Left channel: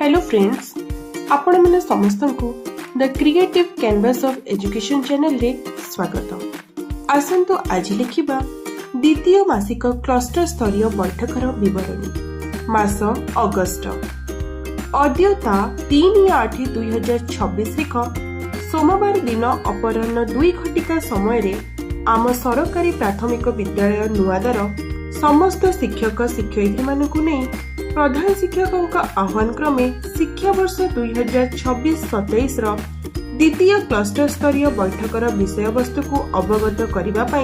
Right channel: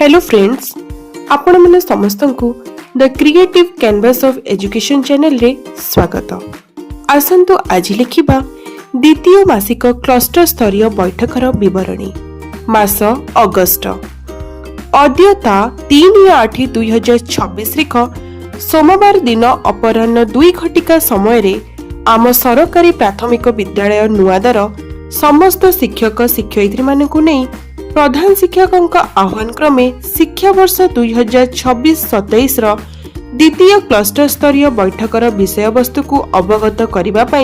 Hello friends, आपण माने समस्त को the creative canvas of education channel रे स्वागत। आसंतु आज लिखिबा द्वितीय मासिक क्लस्टर स्तरीय बैठकर विवरणी। मास अगस्ट अद्यता 3/8/2026 रेख सोमवार दिन अपराह्न 2 घटिका समय रे आम सरकारी प्राथमिक विद्यालय नुआदार समस्त शिक्षक शिक्षयित्री मानकु नै प्रधान शिक्षक आह्वान क्रमे शिक्षा वर्ष 2026-27 द्वितीय क्लस्टर स्तरीय बैठकर विषय वस्तु को अवगत करने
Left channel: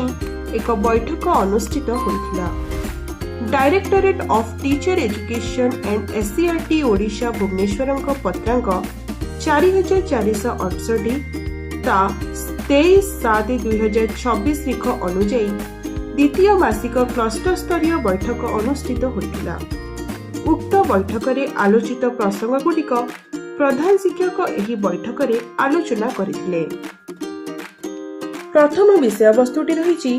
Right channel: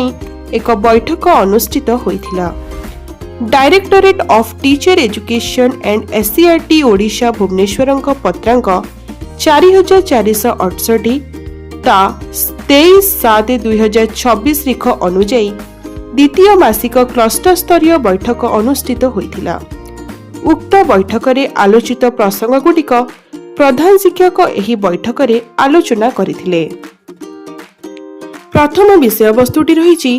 एक बैठक अनुष्ठित होइथिला। Directorate of teacher education and SCERT Odisha Bhubaneswar पत्रांक 4468 ता 23/7/2026 रेख अनुଯାयी द्वितीय मासिक क्लस्टर स्तरीय बैठक अनुष्ठित होइथिला। उक्त बैठक रे आलोचित प्रसंग गुड़िक प्रधान शिक्षक एही बैठक रे आलोचना करथिले। प्रथम विषय वस्तुटी रहिछि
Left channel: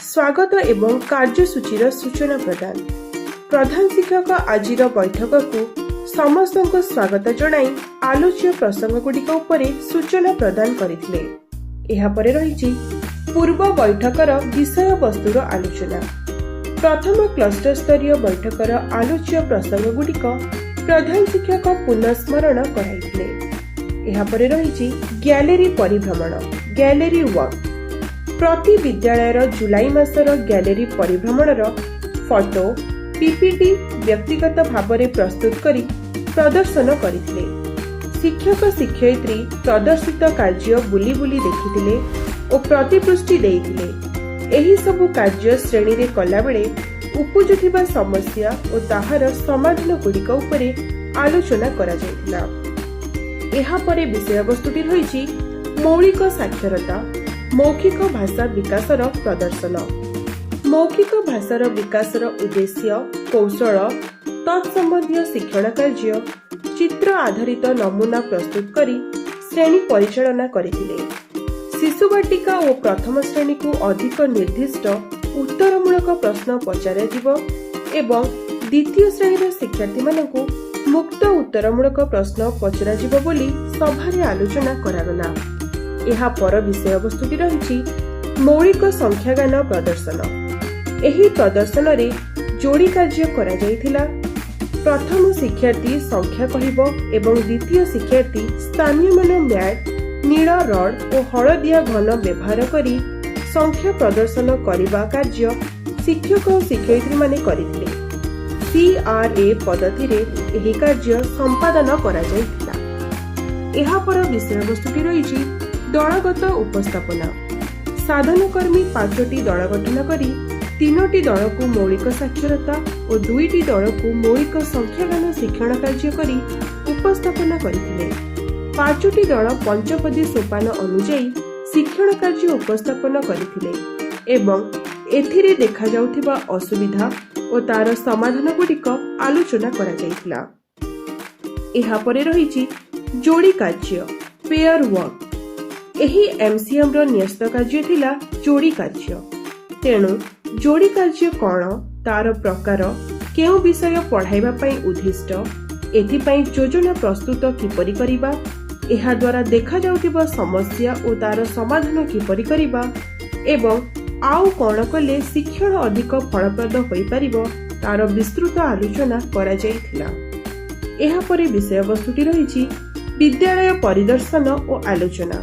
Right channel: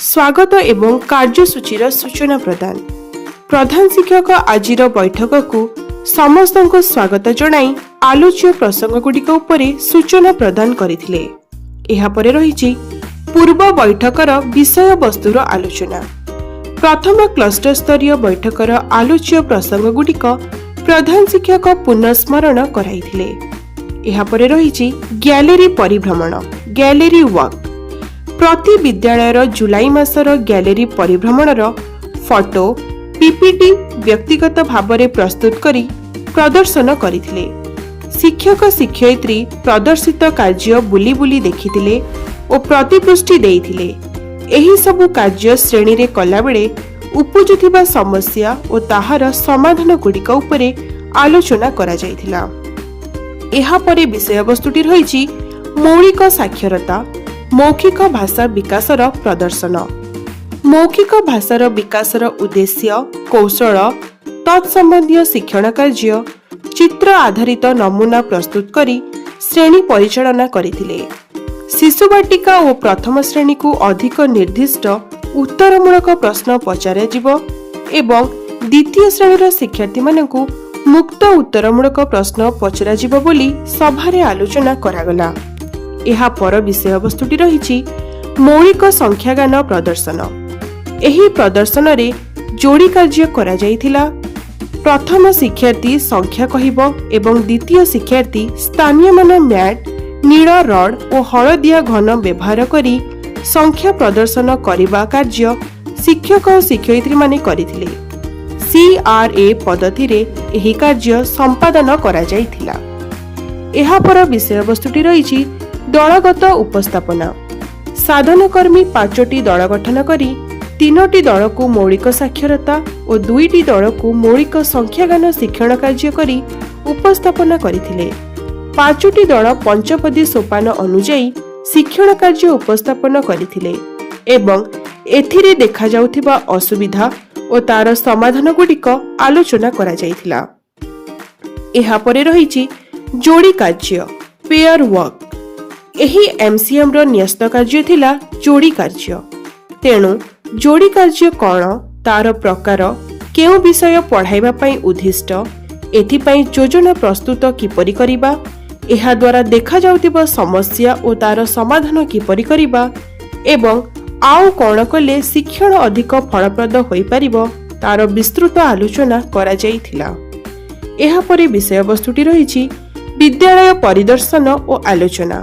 स्वागत एवं कार्यसूचीर सूचना प्रदान। प्रधान शिक्षक आजिर बैठक को समस्त को स्वागत जणाई आलोच्य प्रसंग गुड़िक उपरे सूचना प्रदान करथिले। एहा परे रहिछि पूर्व बैठकर विषय वस्तुर आलोचना। प्रथम क्लस्टर स्तरीय बैठकर आलोच्य प्रसंग गुड़िक प्रधान शिक्षक पुनस्मरण कराइथिले। एहा परे रहिछि गैलेरी परिभ्रमण गैलेरी वॉक। प्रति विद्यालयर जुलाई मासर गैलेरी परिभ्रमणर फोटो पीपीटी व्यक्तिगत भावरे प्रस्तुत करी प्रदर्शन करिथिले। शिक्षक शिक्षयित्री प्रदर्शित कार्य बुली बुली देखिथिले और प्रतिपुष्टि देइथिले। एही सबु कार्य श्रेणी रे कला बेले उपजुथिबा समस्या और ताहार समाधान गुड़िक उपरे आलोचना करा जायथिला। एहा परे विषय वस्तुटी रहिछि मौलिक साक्षरता मौखिक भाषा विकासर प्रदर्शन। मौखिक भाषार विकासर उद्देश्य कौशल तत्संबंधी शिक्षण कार्य चित्र आधारित नमूना प्रस्तुत करी श्रेणी परिचालना करिथिले। शिशु बाटिका और प्रथम श्रेणी को अधिक निर्दिष्ट उत्तरमूलक प्रश्न पचारा जिवो एवं द्वितीय श्रेणीर शिक्षार्थी मानकु मुक्त उत्तरमूलक प्रश्न पचरा जिवो बोली सभारे आलोचना करागला। एहा पर विषय वस्तुटी रहिछि मौलिक संख्यागान प्रदर्शन। एही प्रदर्शन रे जोड़ी कार्य करा जायथिला। प्रथम शिक्षार्थी संख्या कहिबो एवं द्वितीय शिक्षार्थी स्थानीय मान मैट नील रड और हलदिया घन व्यवहार करी संख्या प्रदर्शन करने कार्य शिक्षक और शिक्षयित्री माने करिथिले। CRA पद्धति रे एही कार्य संपादन करा जायथिला। एहा पर विषय वस्तुटी रहिछि दलगत उपस्थापना। साधनकर्मी 5टी दल गठन करी 3टी दल को मौलिक साक्षरता और 2टी दल को मौलिक संख्यागान शिक्षण कार्य करी उपस्थापना करिथिले। 5टी दल पंचपदी सोपान अनुଯାयी शिक्षण कार्य उपस्थापन करथिले एवं एथिरे देखा जाउथिबा असुविधा और तार समाधान गुड़िक आलोचना करा जायथिला। एहा परे रहिछि जोड़ी कार्य पेयर वर्क। एही MCM रो न्यस्त कार्य थिला जोड़ी कार्य। तेणु जोड़ी कार्य कोन तार प्रकार केउ विषय पढ़ाइबा पई उद्दिष्ट एथि पई योजना प्रस्तुत किपरि करिबा एहा द्वारा देखा जाउथिबा समस्या और तार समाधान किपरि करिबा एवं आउ कोन कले शिक्षण अधिक फलप्रद होई परिबो तार विस्तृत आलोचना करा जायथिला। एहा परे विषय वस्तुटी रहिछि विद्यालय परिदर्शन और आलोचना।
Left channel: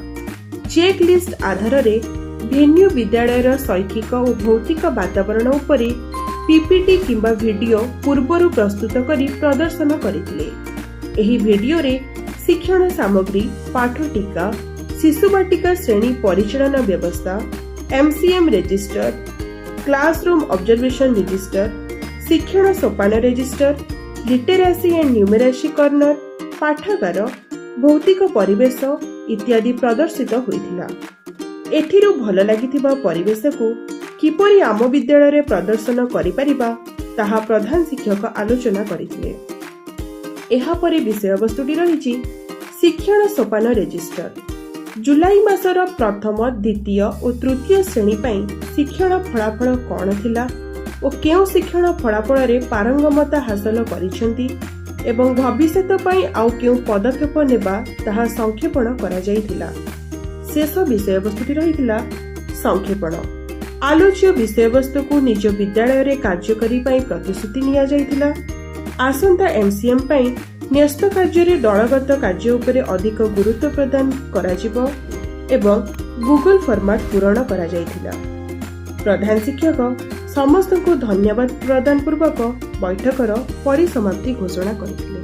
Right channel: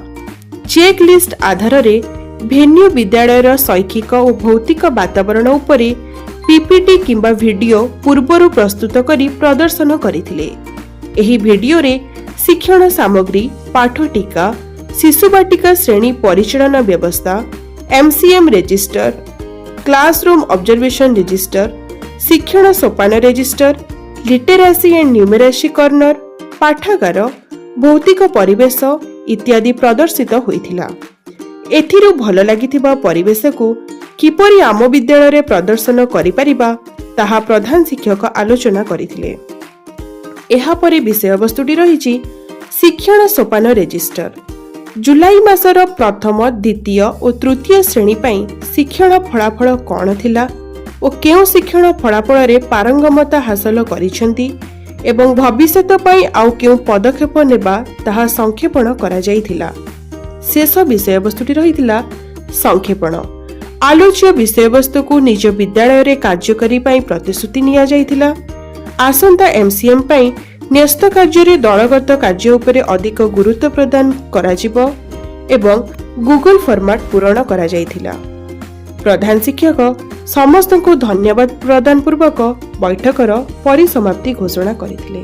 चेक लिस्ट आधार रे भेन्यू विद्यालयर शैक्षिक और भौतिक वातावरण उपरे पीपीटी किंबा वीडियो पूर्वरु प्रस्तुत करी प्रदर्शन करिथिले। एही वीडियो रे शिक्षण सामग्री पाठ टीका शिशु बाटिका श्रेणी परिचालन व्यवस्था MCM register classroom observation register शिक्षण सोपान register literacy and numeracy corner पाठागार भौतिक परिवेश इत्यादि प्रदर्शित होइथिला। एथिरु भल लागिथिबा परिवेश को किपरि आम विद्यालय रे प्रदर्शन करि परिबा ताहा प्रधान शिक्षक आलोचना करिथिले। एहा परे विषय वस्तुटी रहिछि शिक्षण सोपान रजिस्टर। जुलाई मासर प्रथम द्वितीय और तृतीय श्रेणी पई शिक्षण फलाफल कौन थिला और केउ शिक्षण फलाफल रे पारंगमता हासिल करिसेंती ଏବଂ ଭବିଷ୍ୟତ ପାଇଁ ଆଉ କେଉଁ ପଦକ୍ଷେପ ନେବା ତାହା ସଂକ୍ଷେପଣ କରାଯାଇଥିଲା। ଶେଷ ବିଷୟବସ୍ତୁଟି ରହିଥିଲା ସଂକ୍ଷେପଣ। ଆଲୋଚ୍ୟ ବିଷୟବସ୍ତୁକୁ ନିଜ ବିଦ୍ୟାଳୟରେ କାର୍ଯ୍ୟକାରୀ ପାଇଁ ପ୍ରତିଶ୍ରୁତି ନିଆଯାଇଥିଲା। ଆସନ୍ତା MCM ପାଇଁ ନ୍ୟସ୍ତ କାର୍ଯ୍ୟରେ ଦଳଗତ କାର୍ଯ୍ୟ ଉପରେ ଅଧିକ ଗୁରୁତ୍ୱ ପ୍ରଦାନ କରାଯିବ ଏବଂ ଗୁଗଲ ଫର୍ମାଟ ପୂରଣ କରାଯାଇଥିଲା। ପ୍ରଧାନ ଶିକ୍ଷକ ସମସ୍ତଙ୍କୁ ଧନ୍ୟବାଦ ପ୍ରଦାନ ପୂର୍ବକ ବୈଠକର ପରିସମାପ୍ତି ଘୋଷଣା କରିଥିଲେ।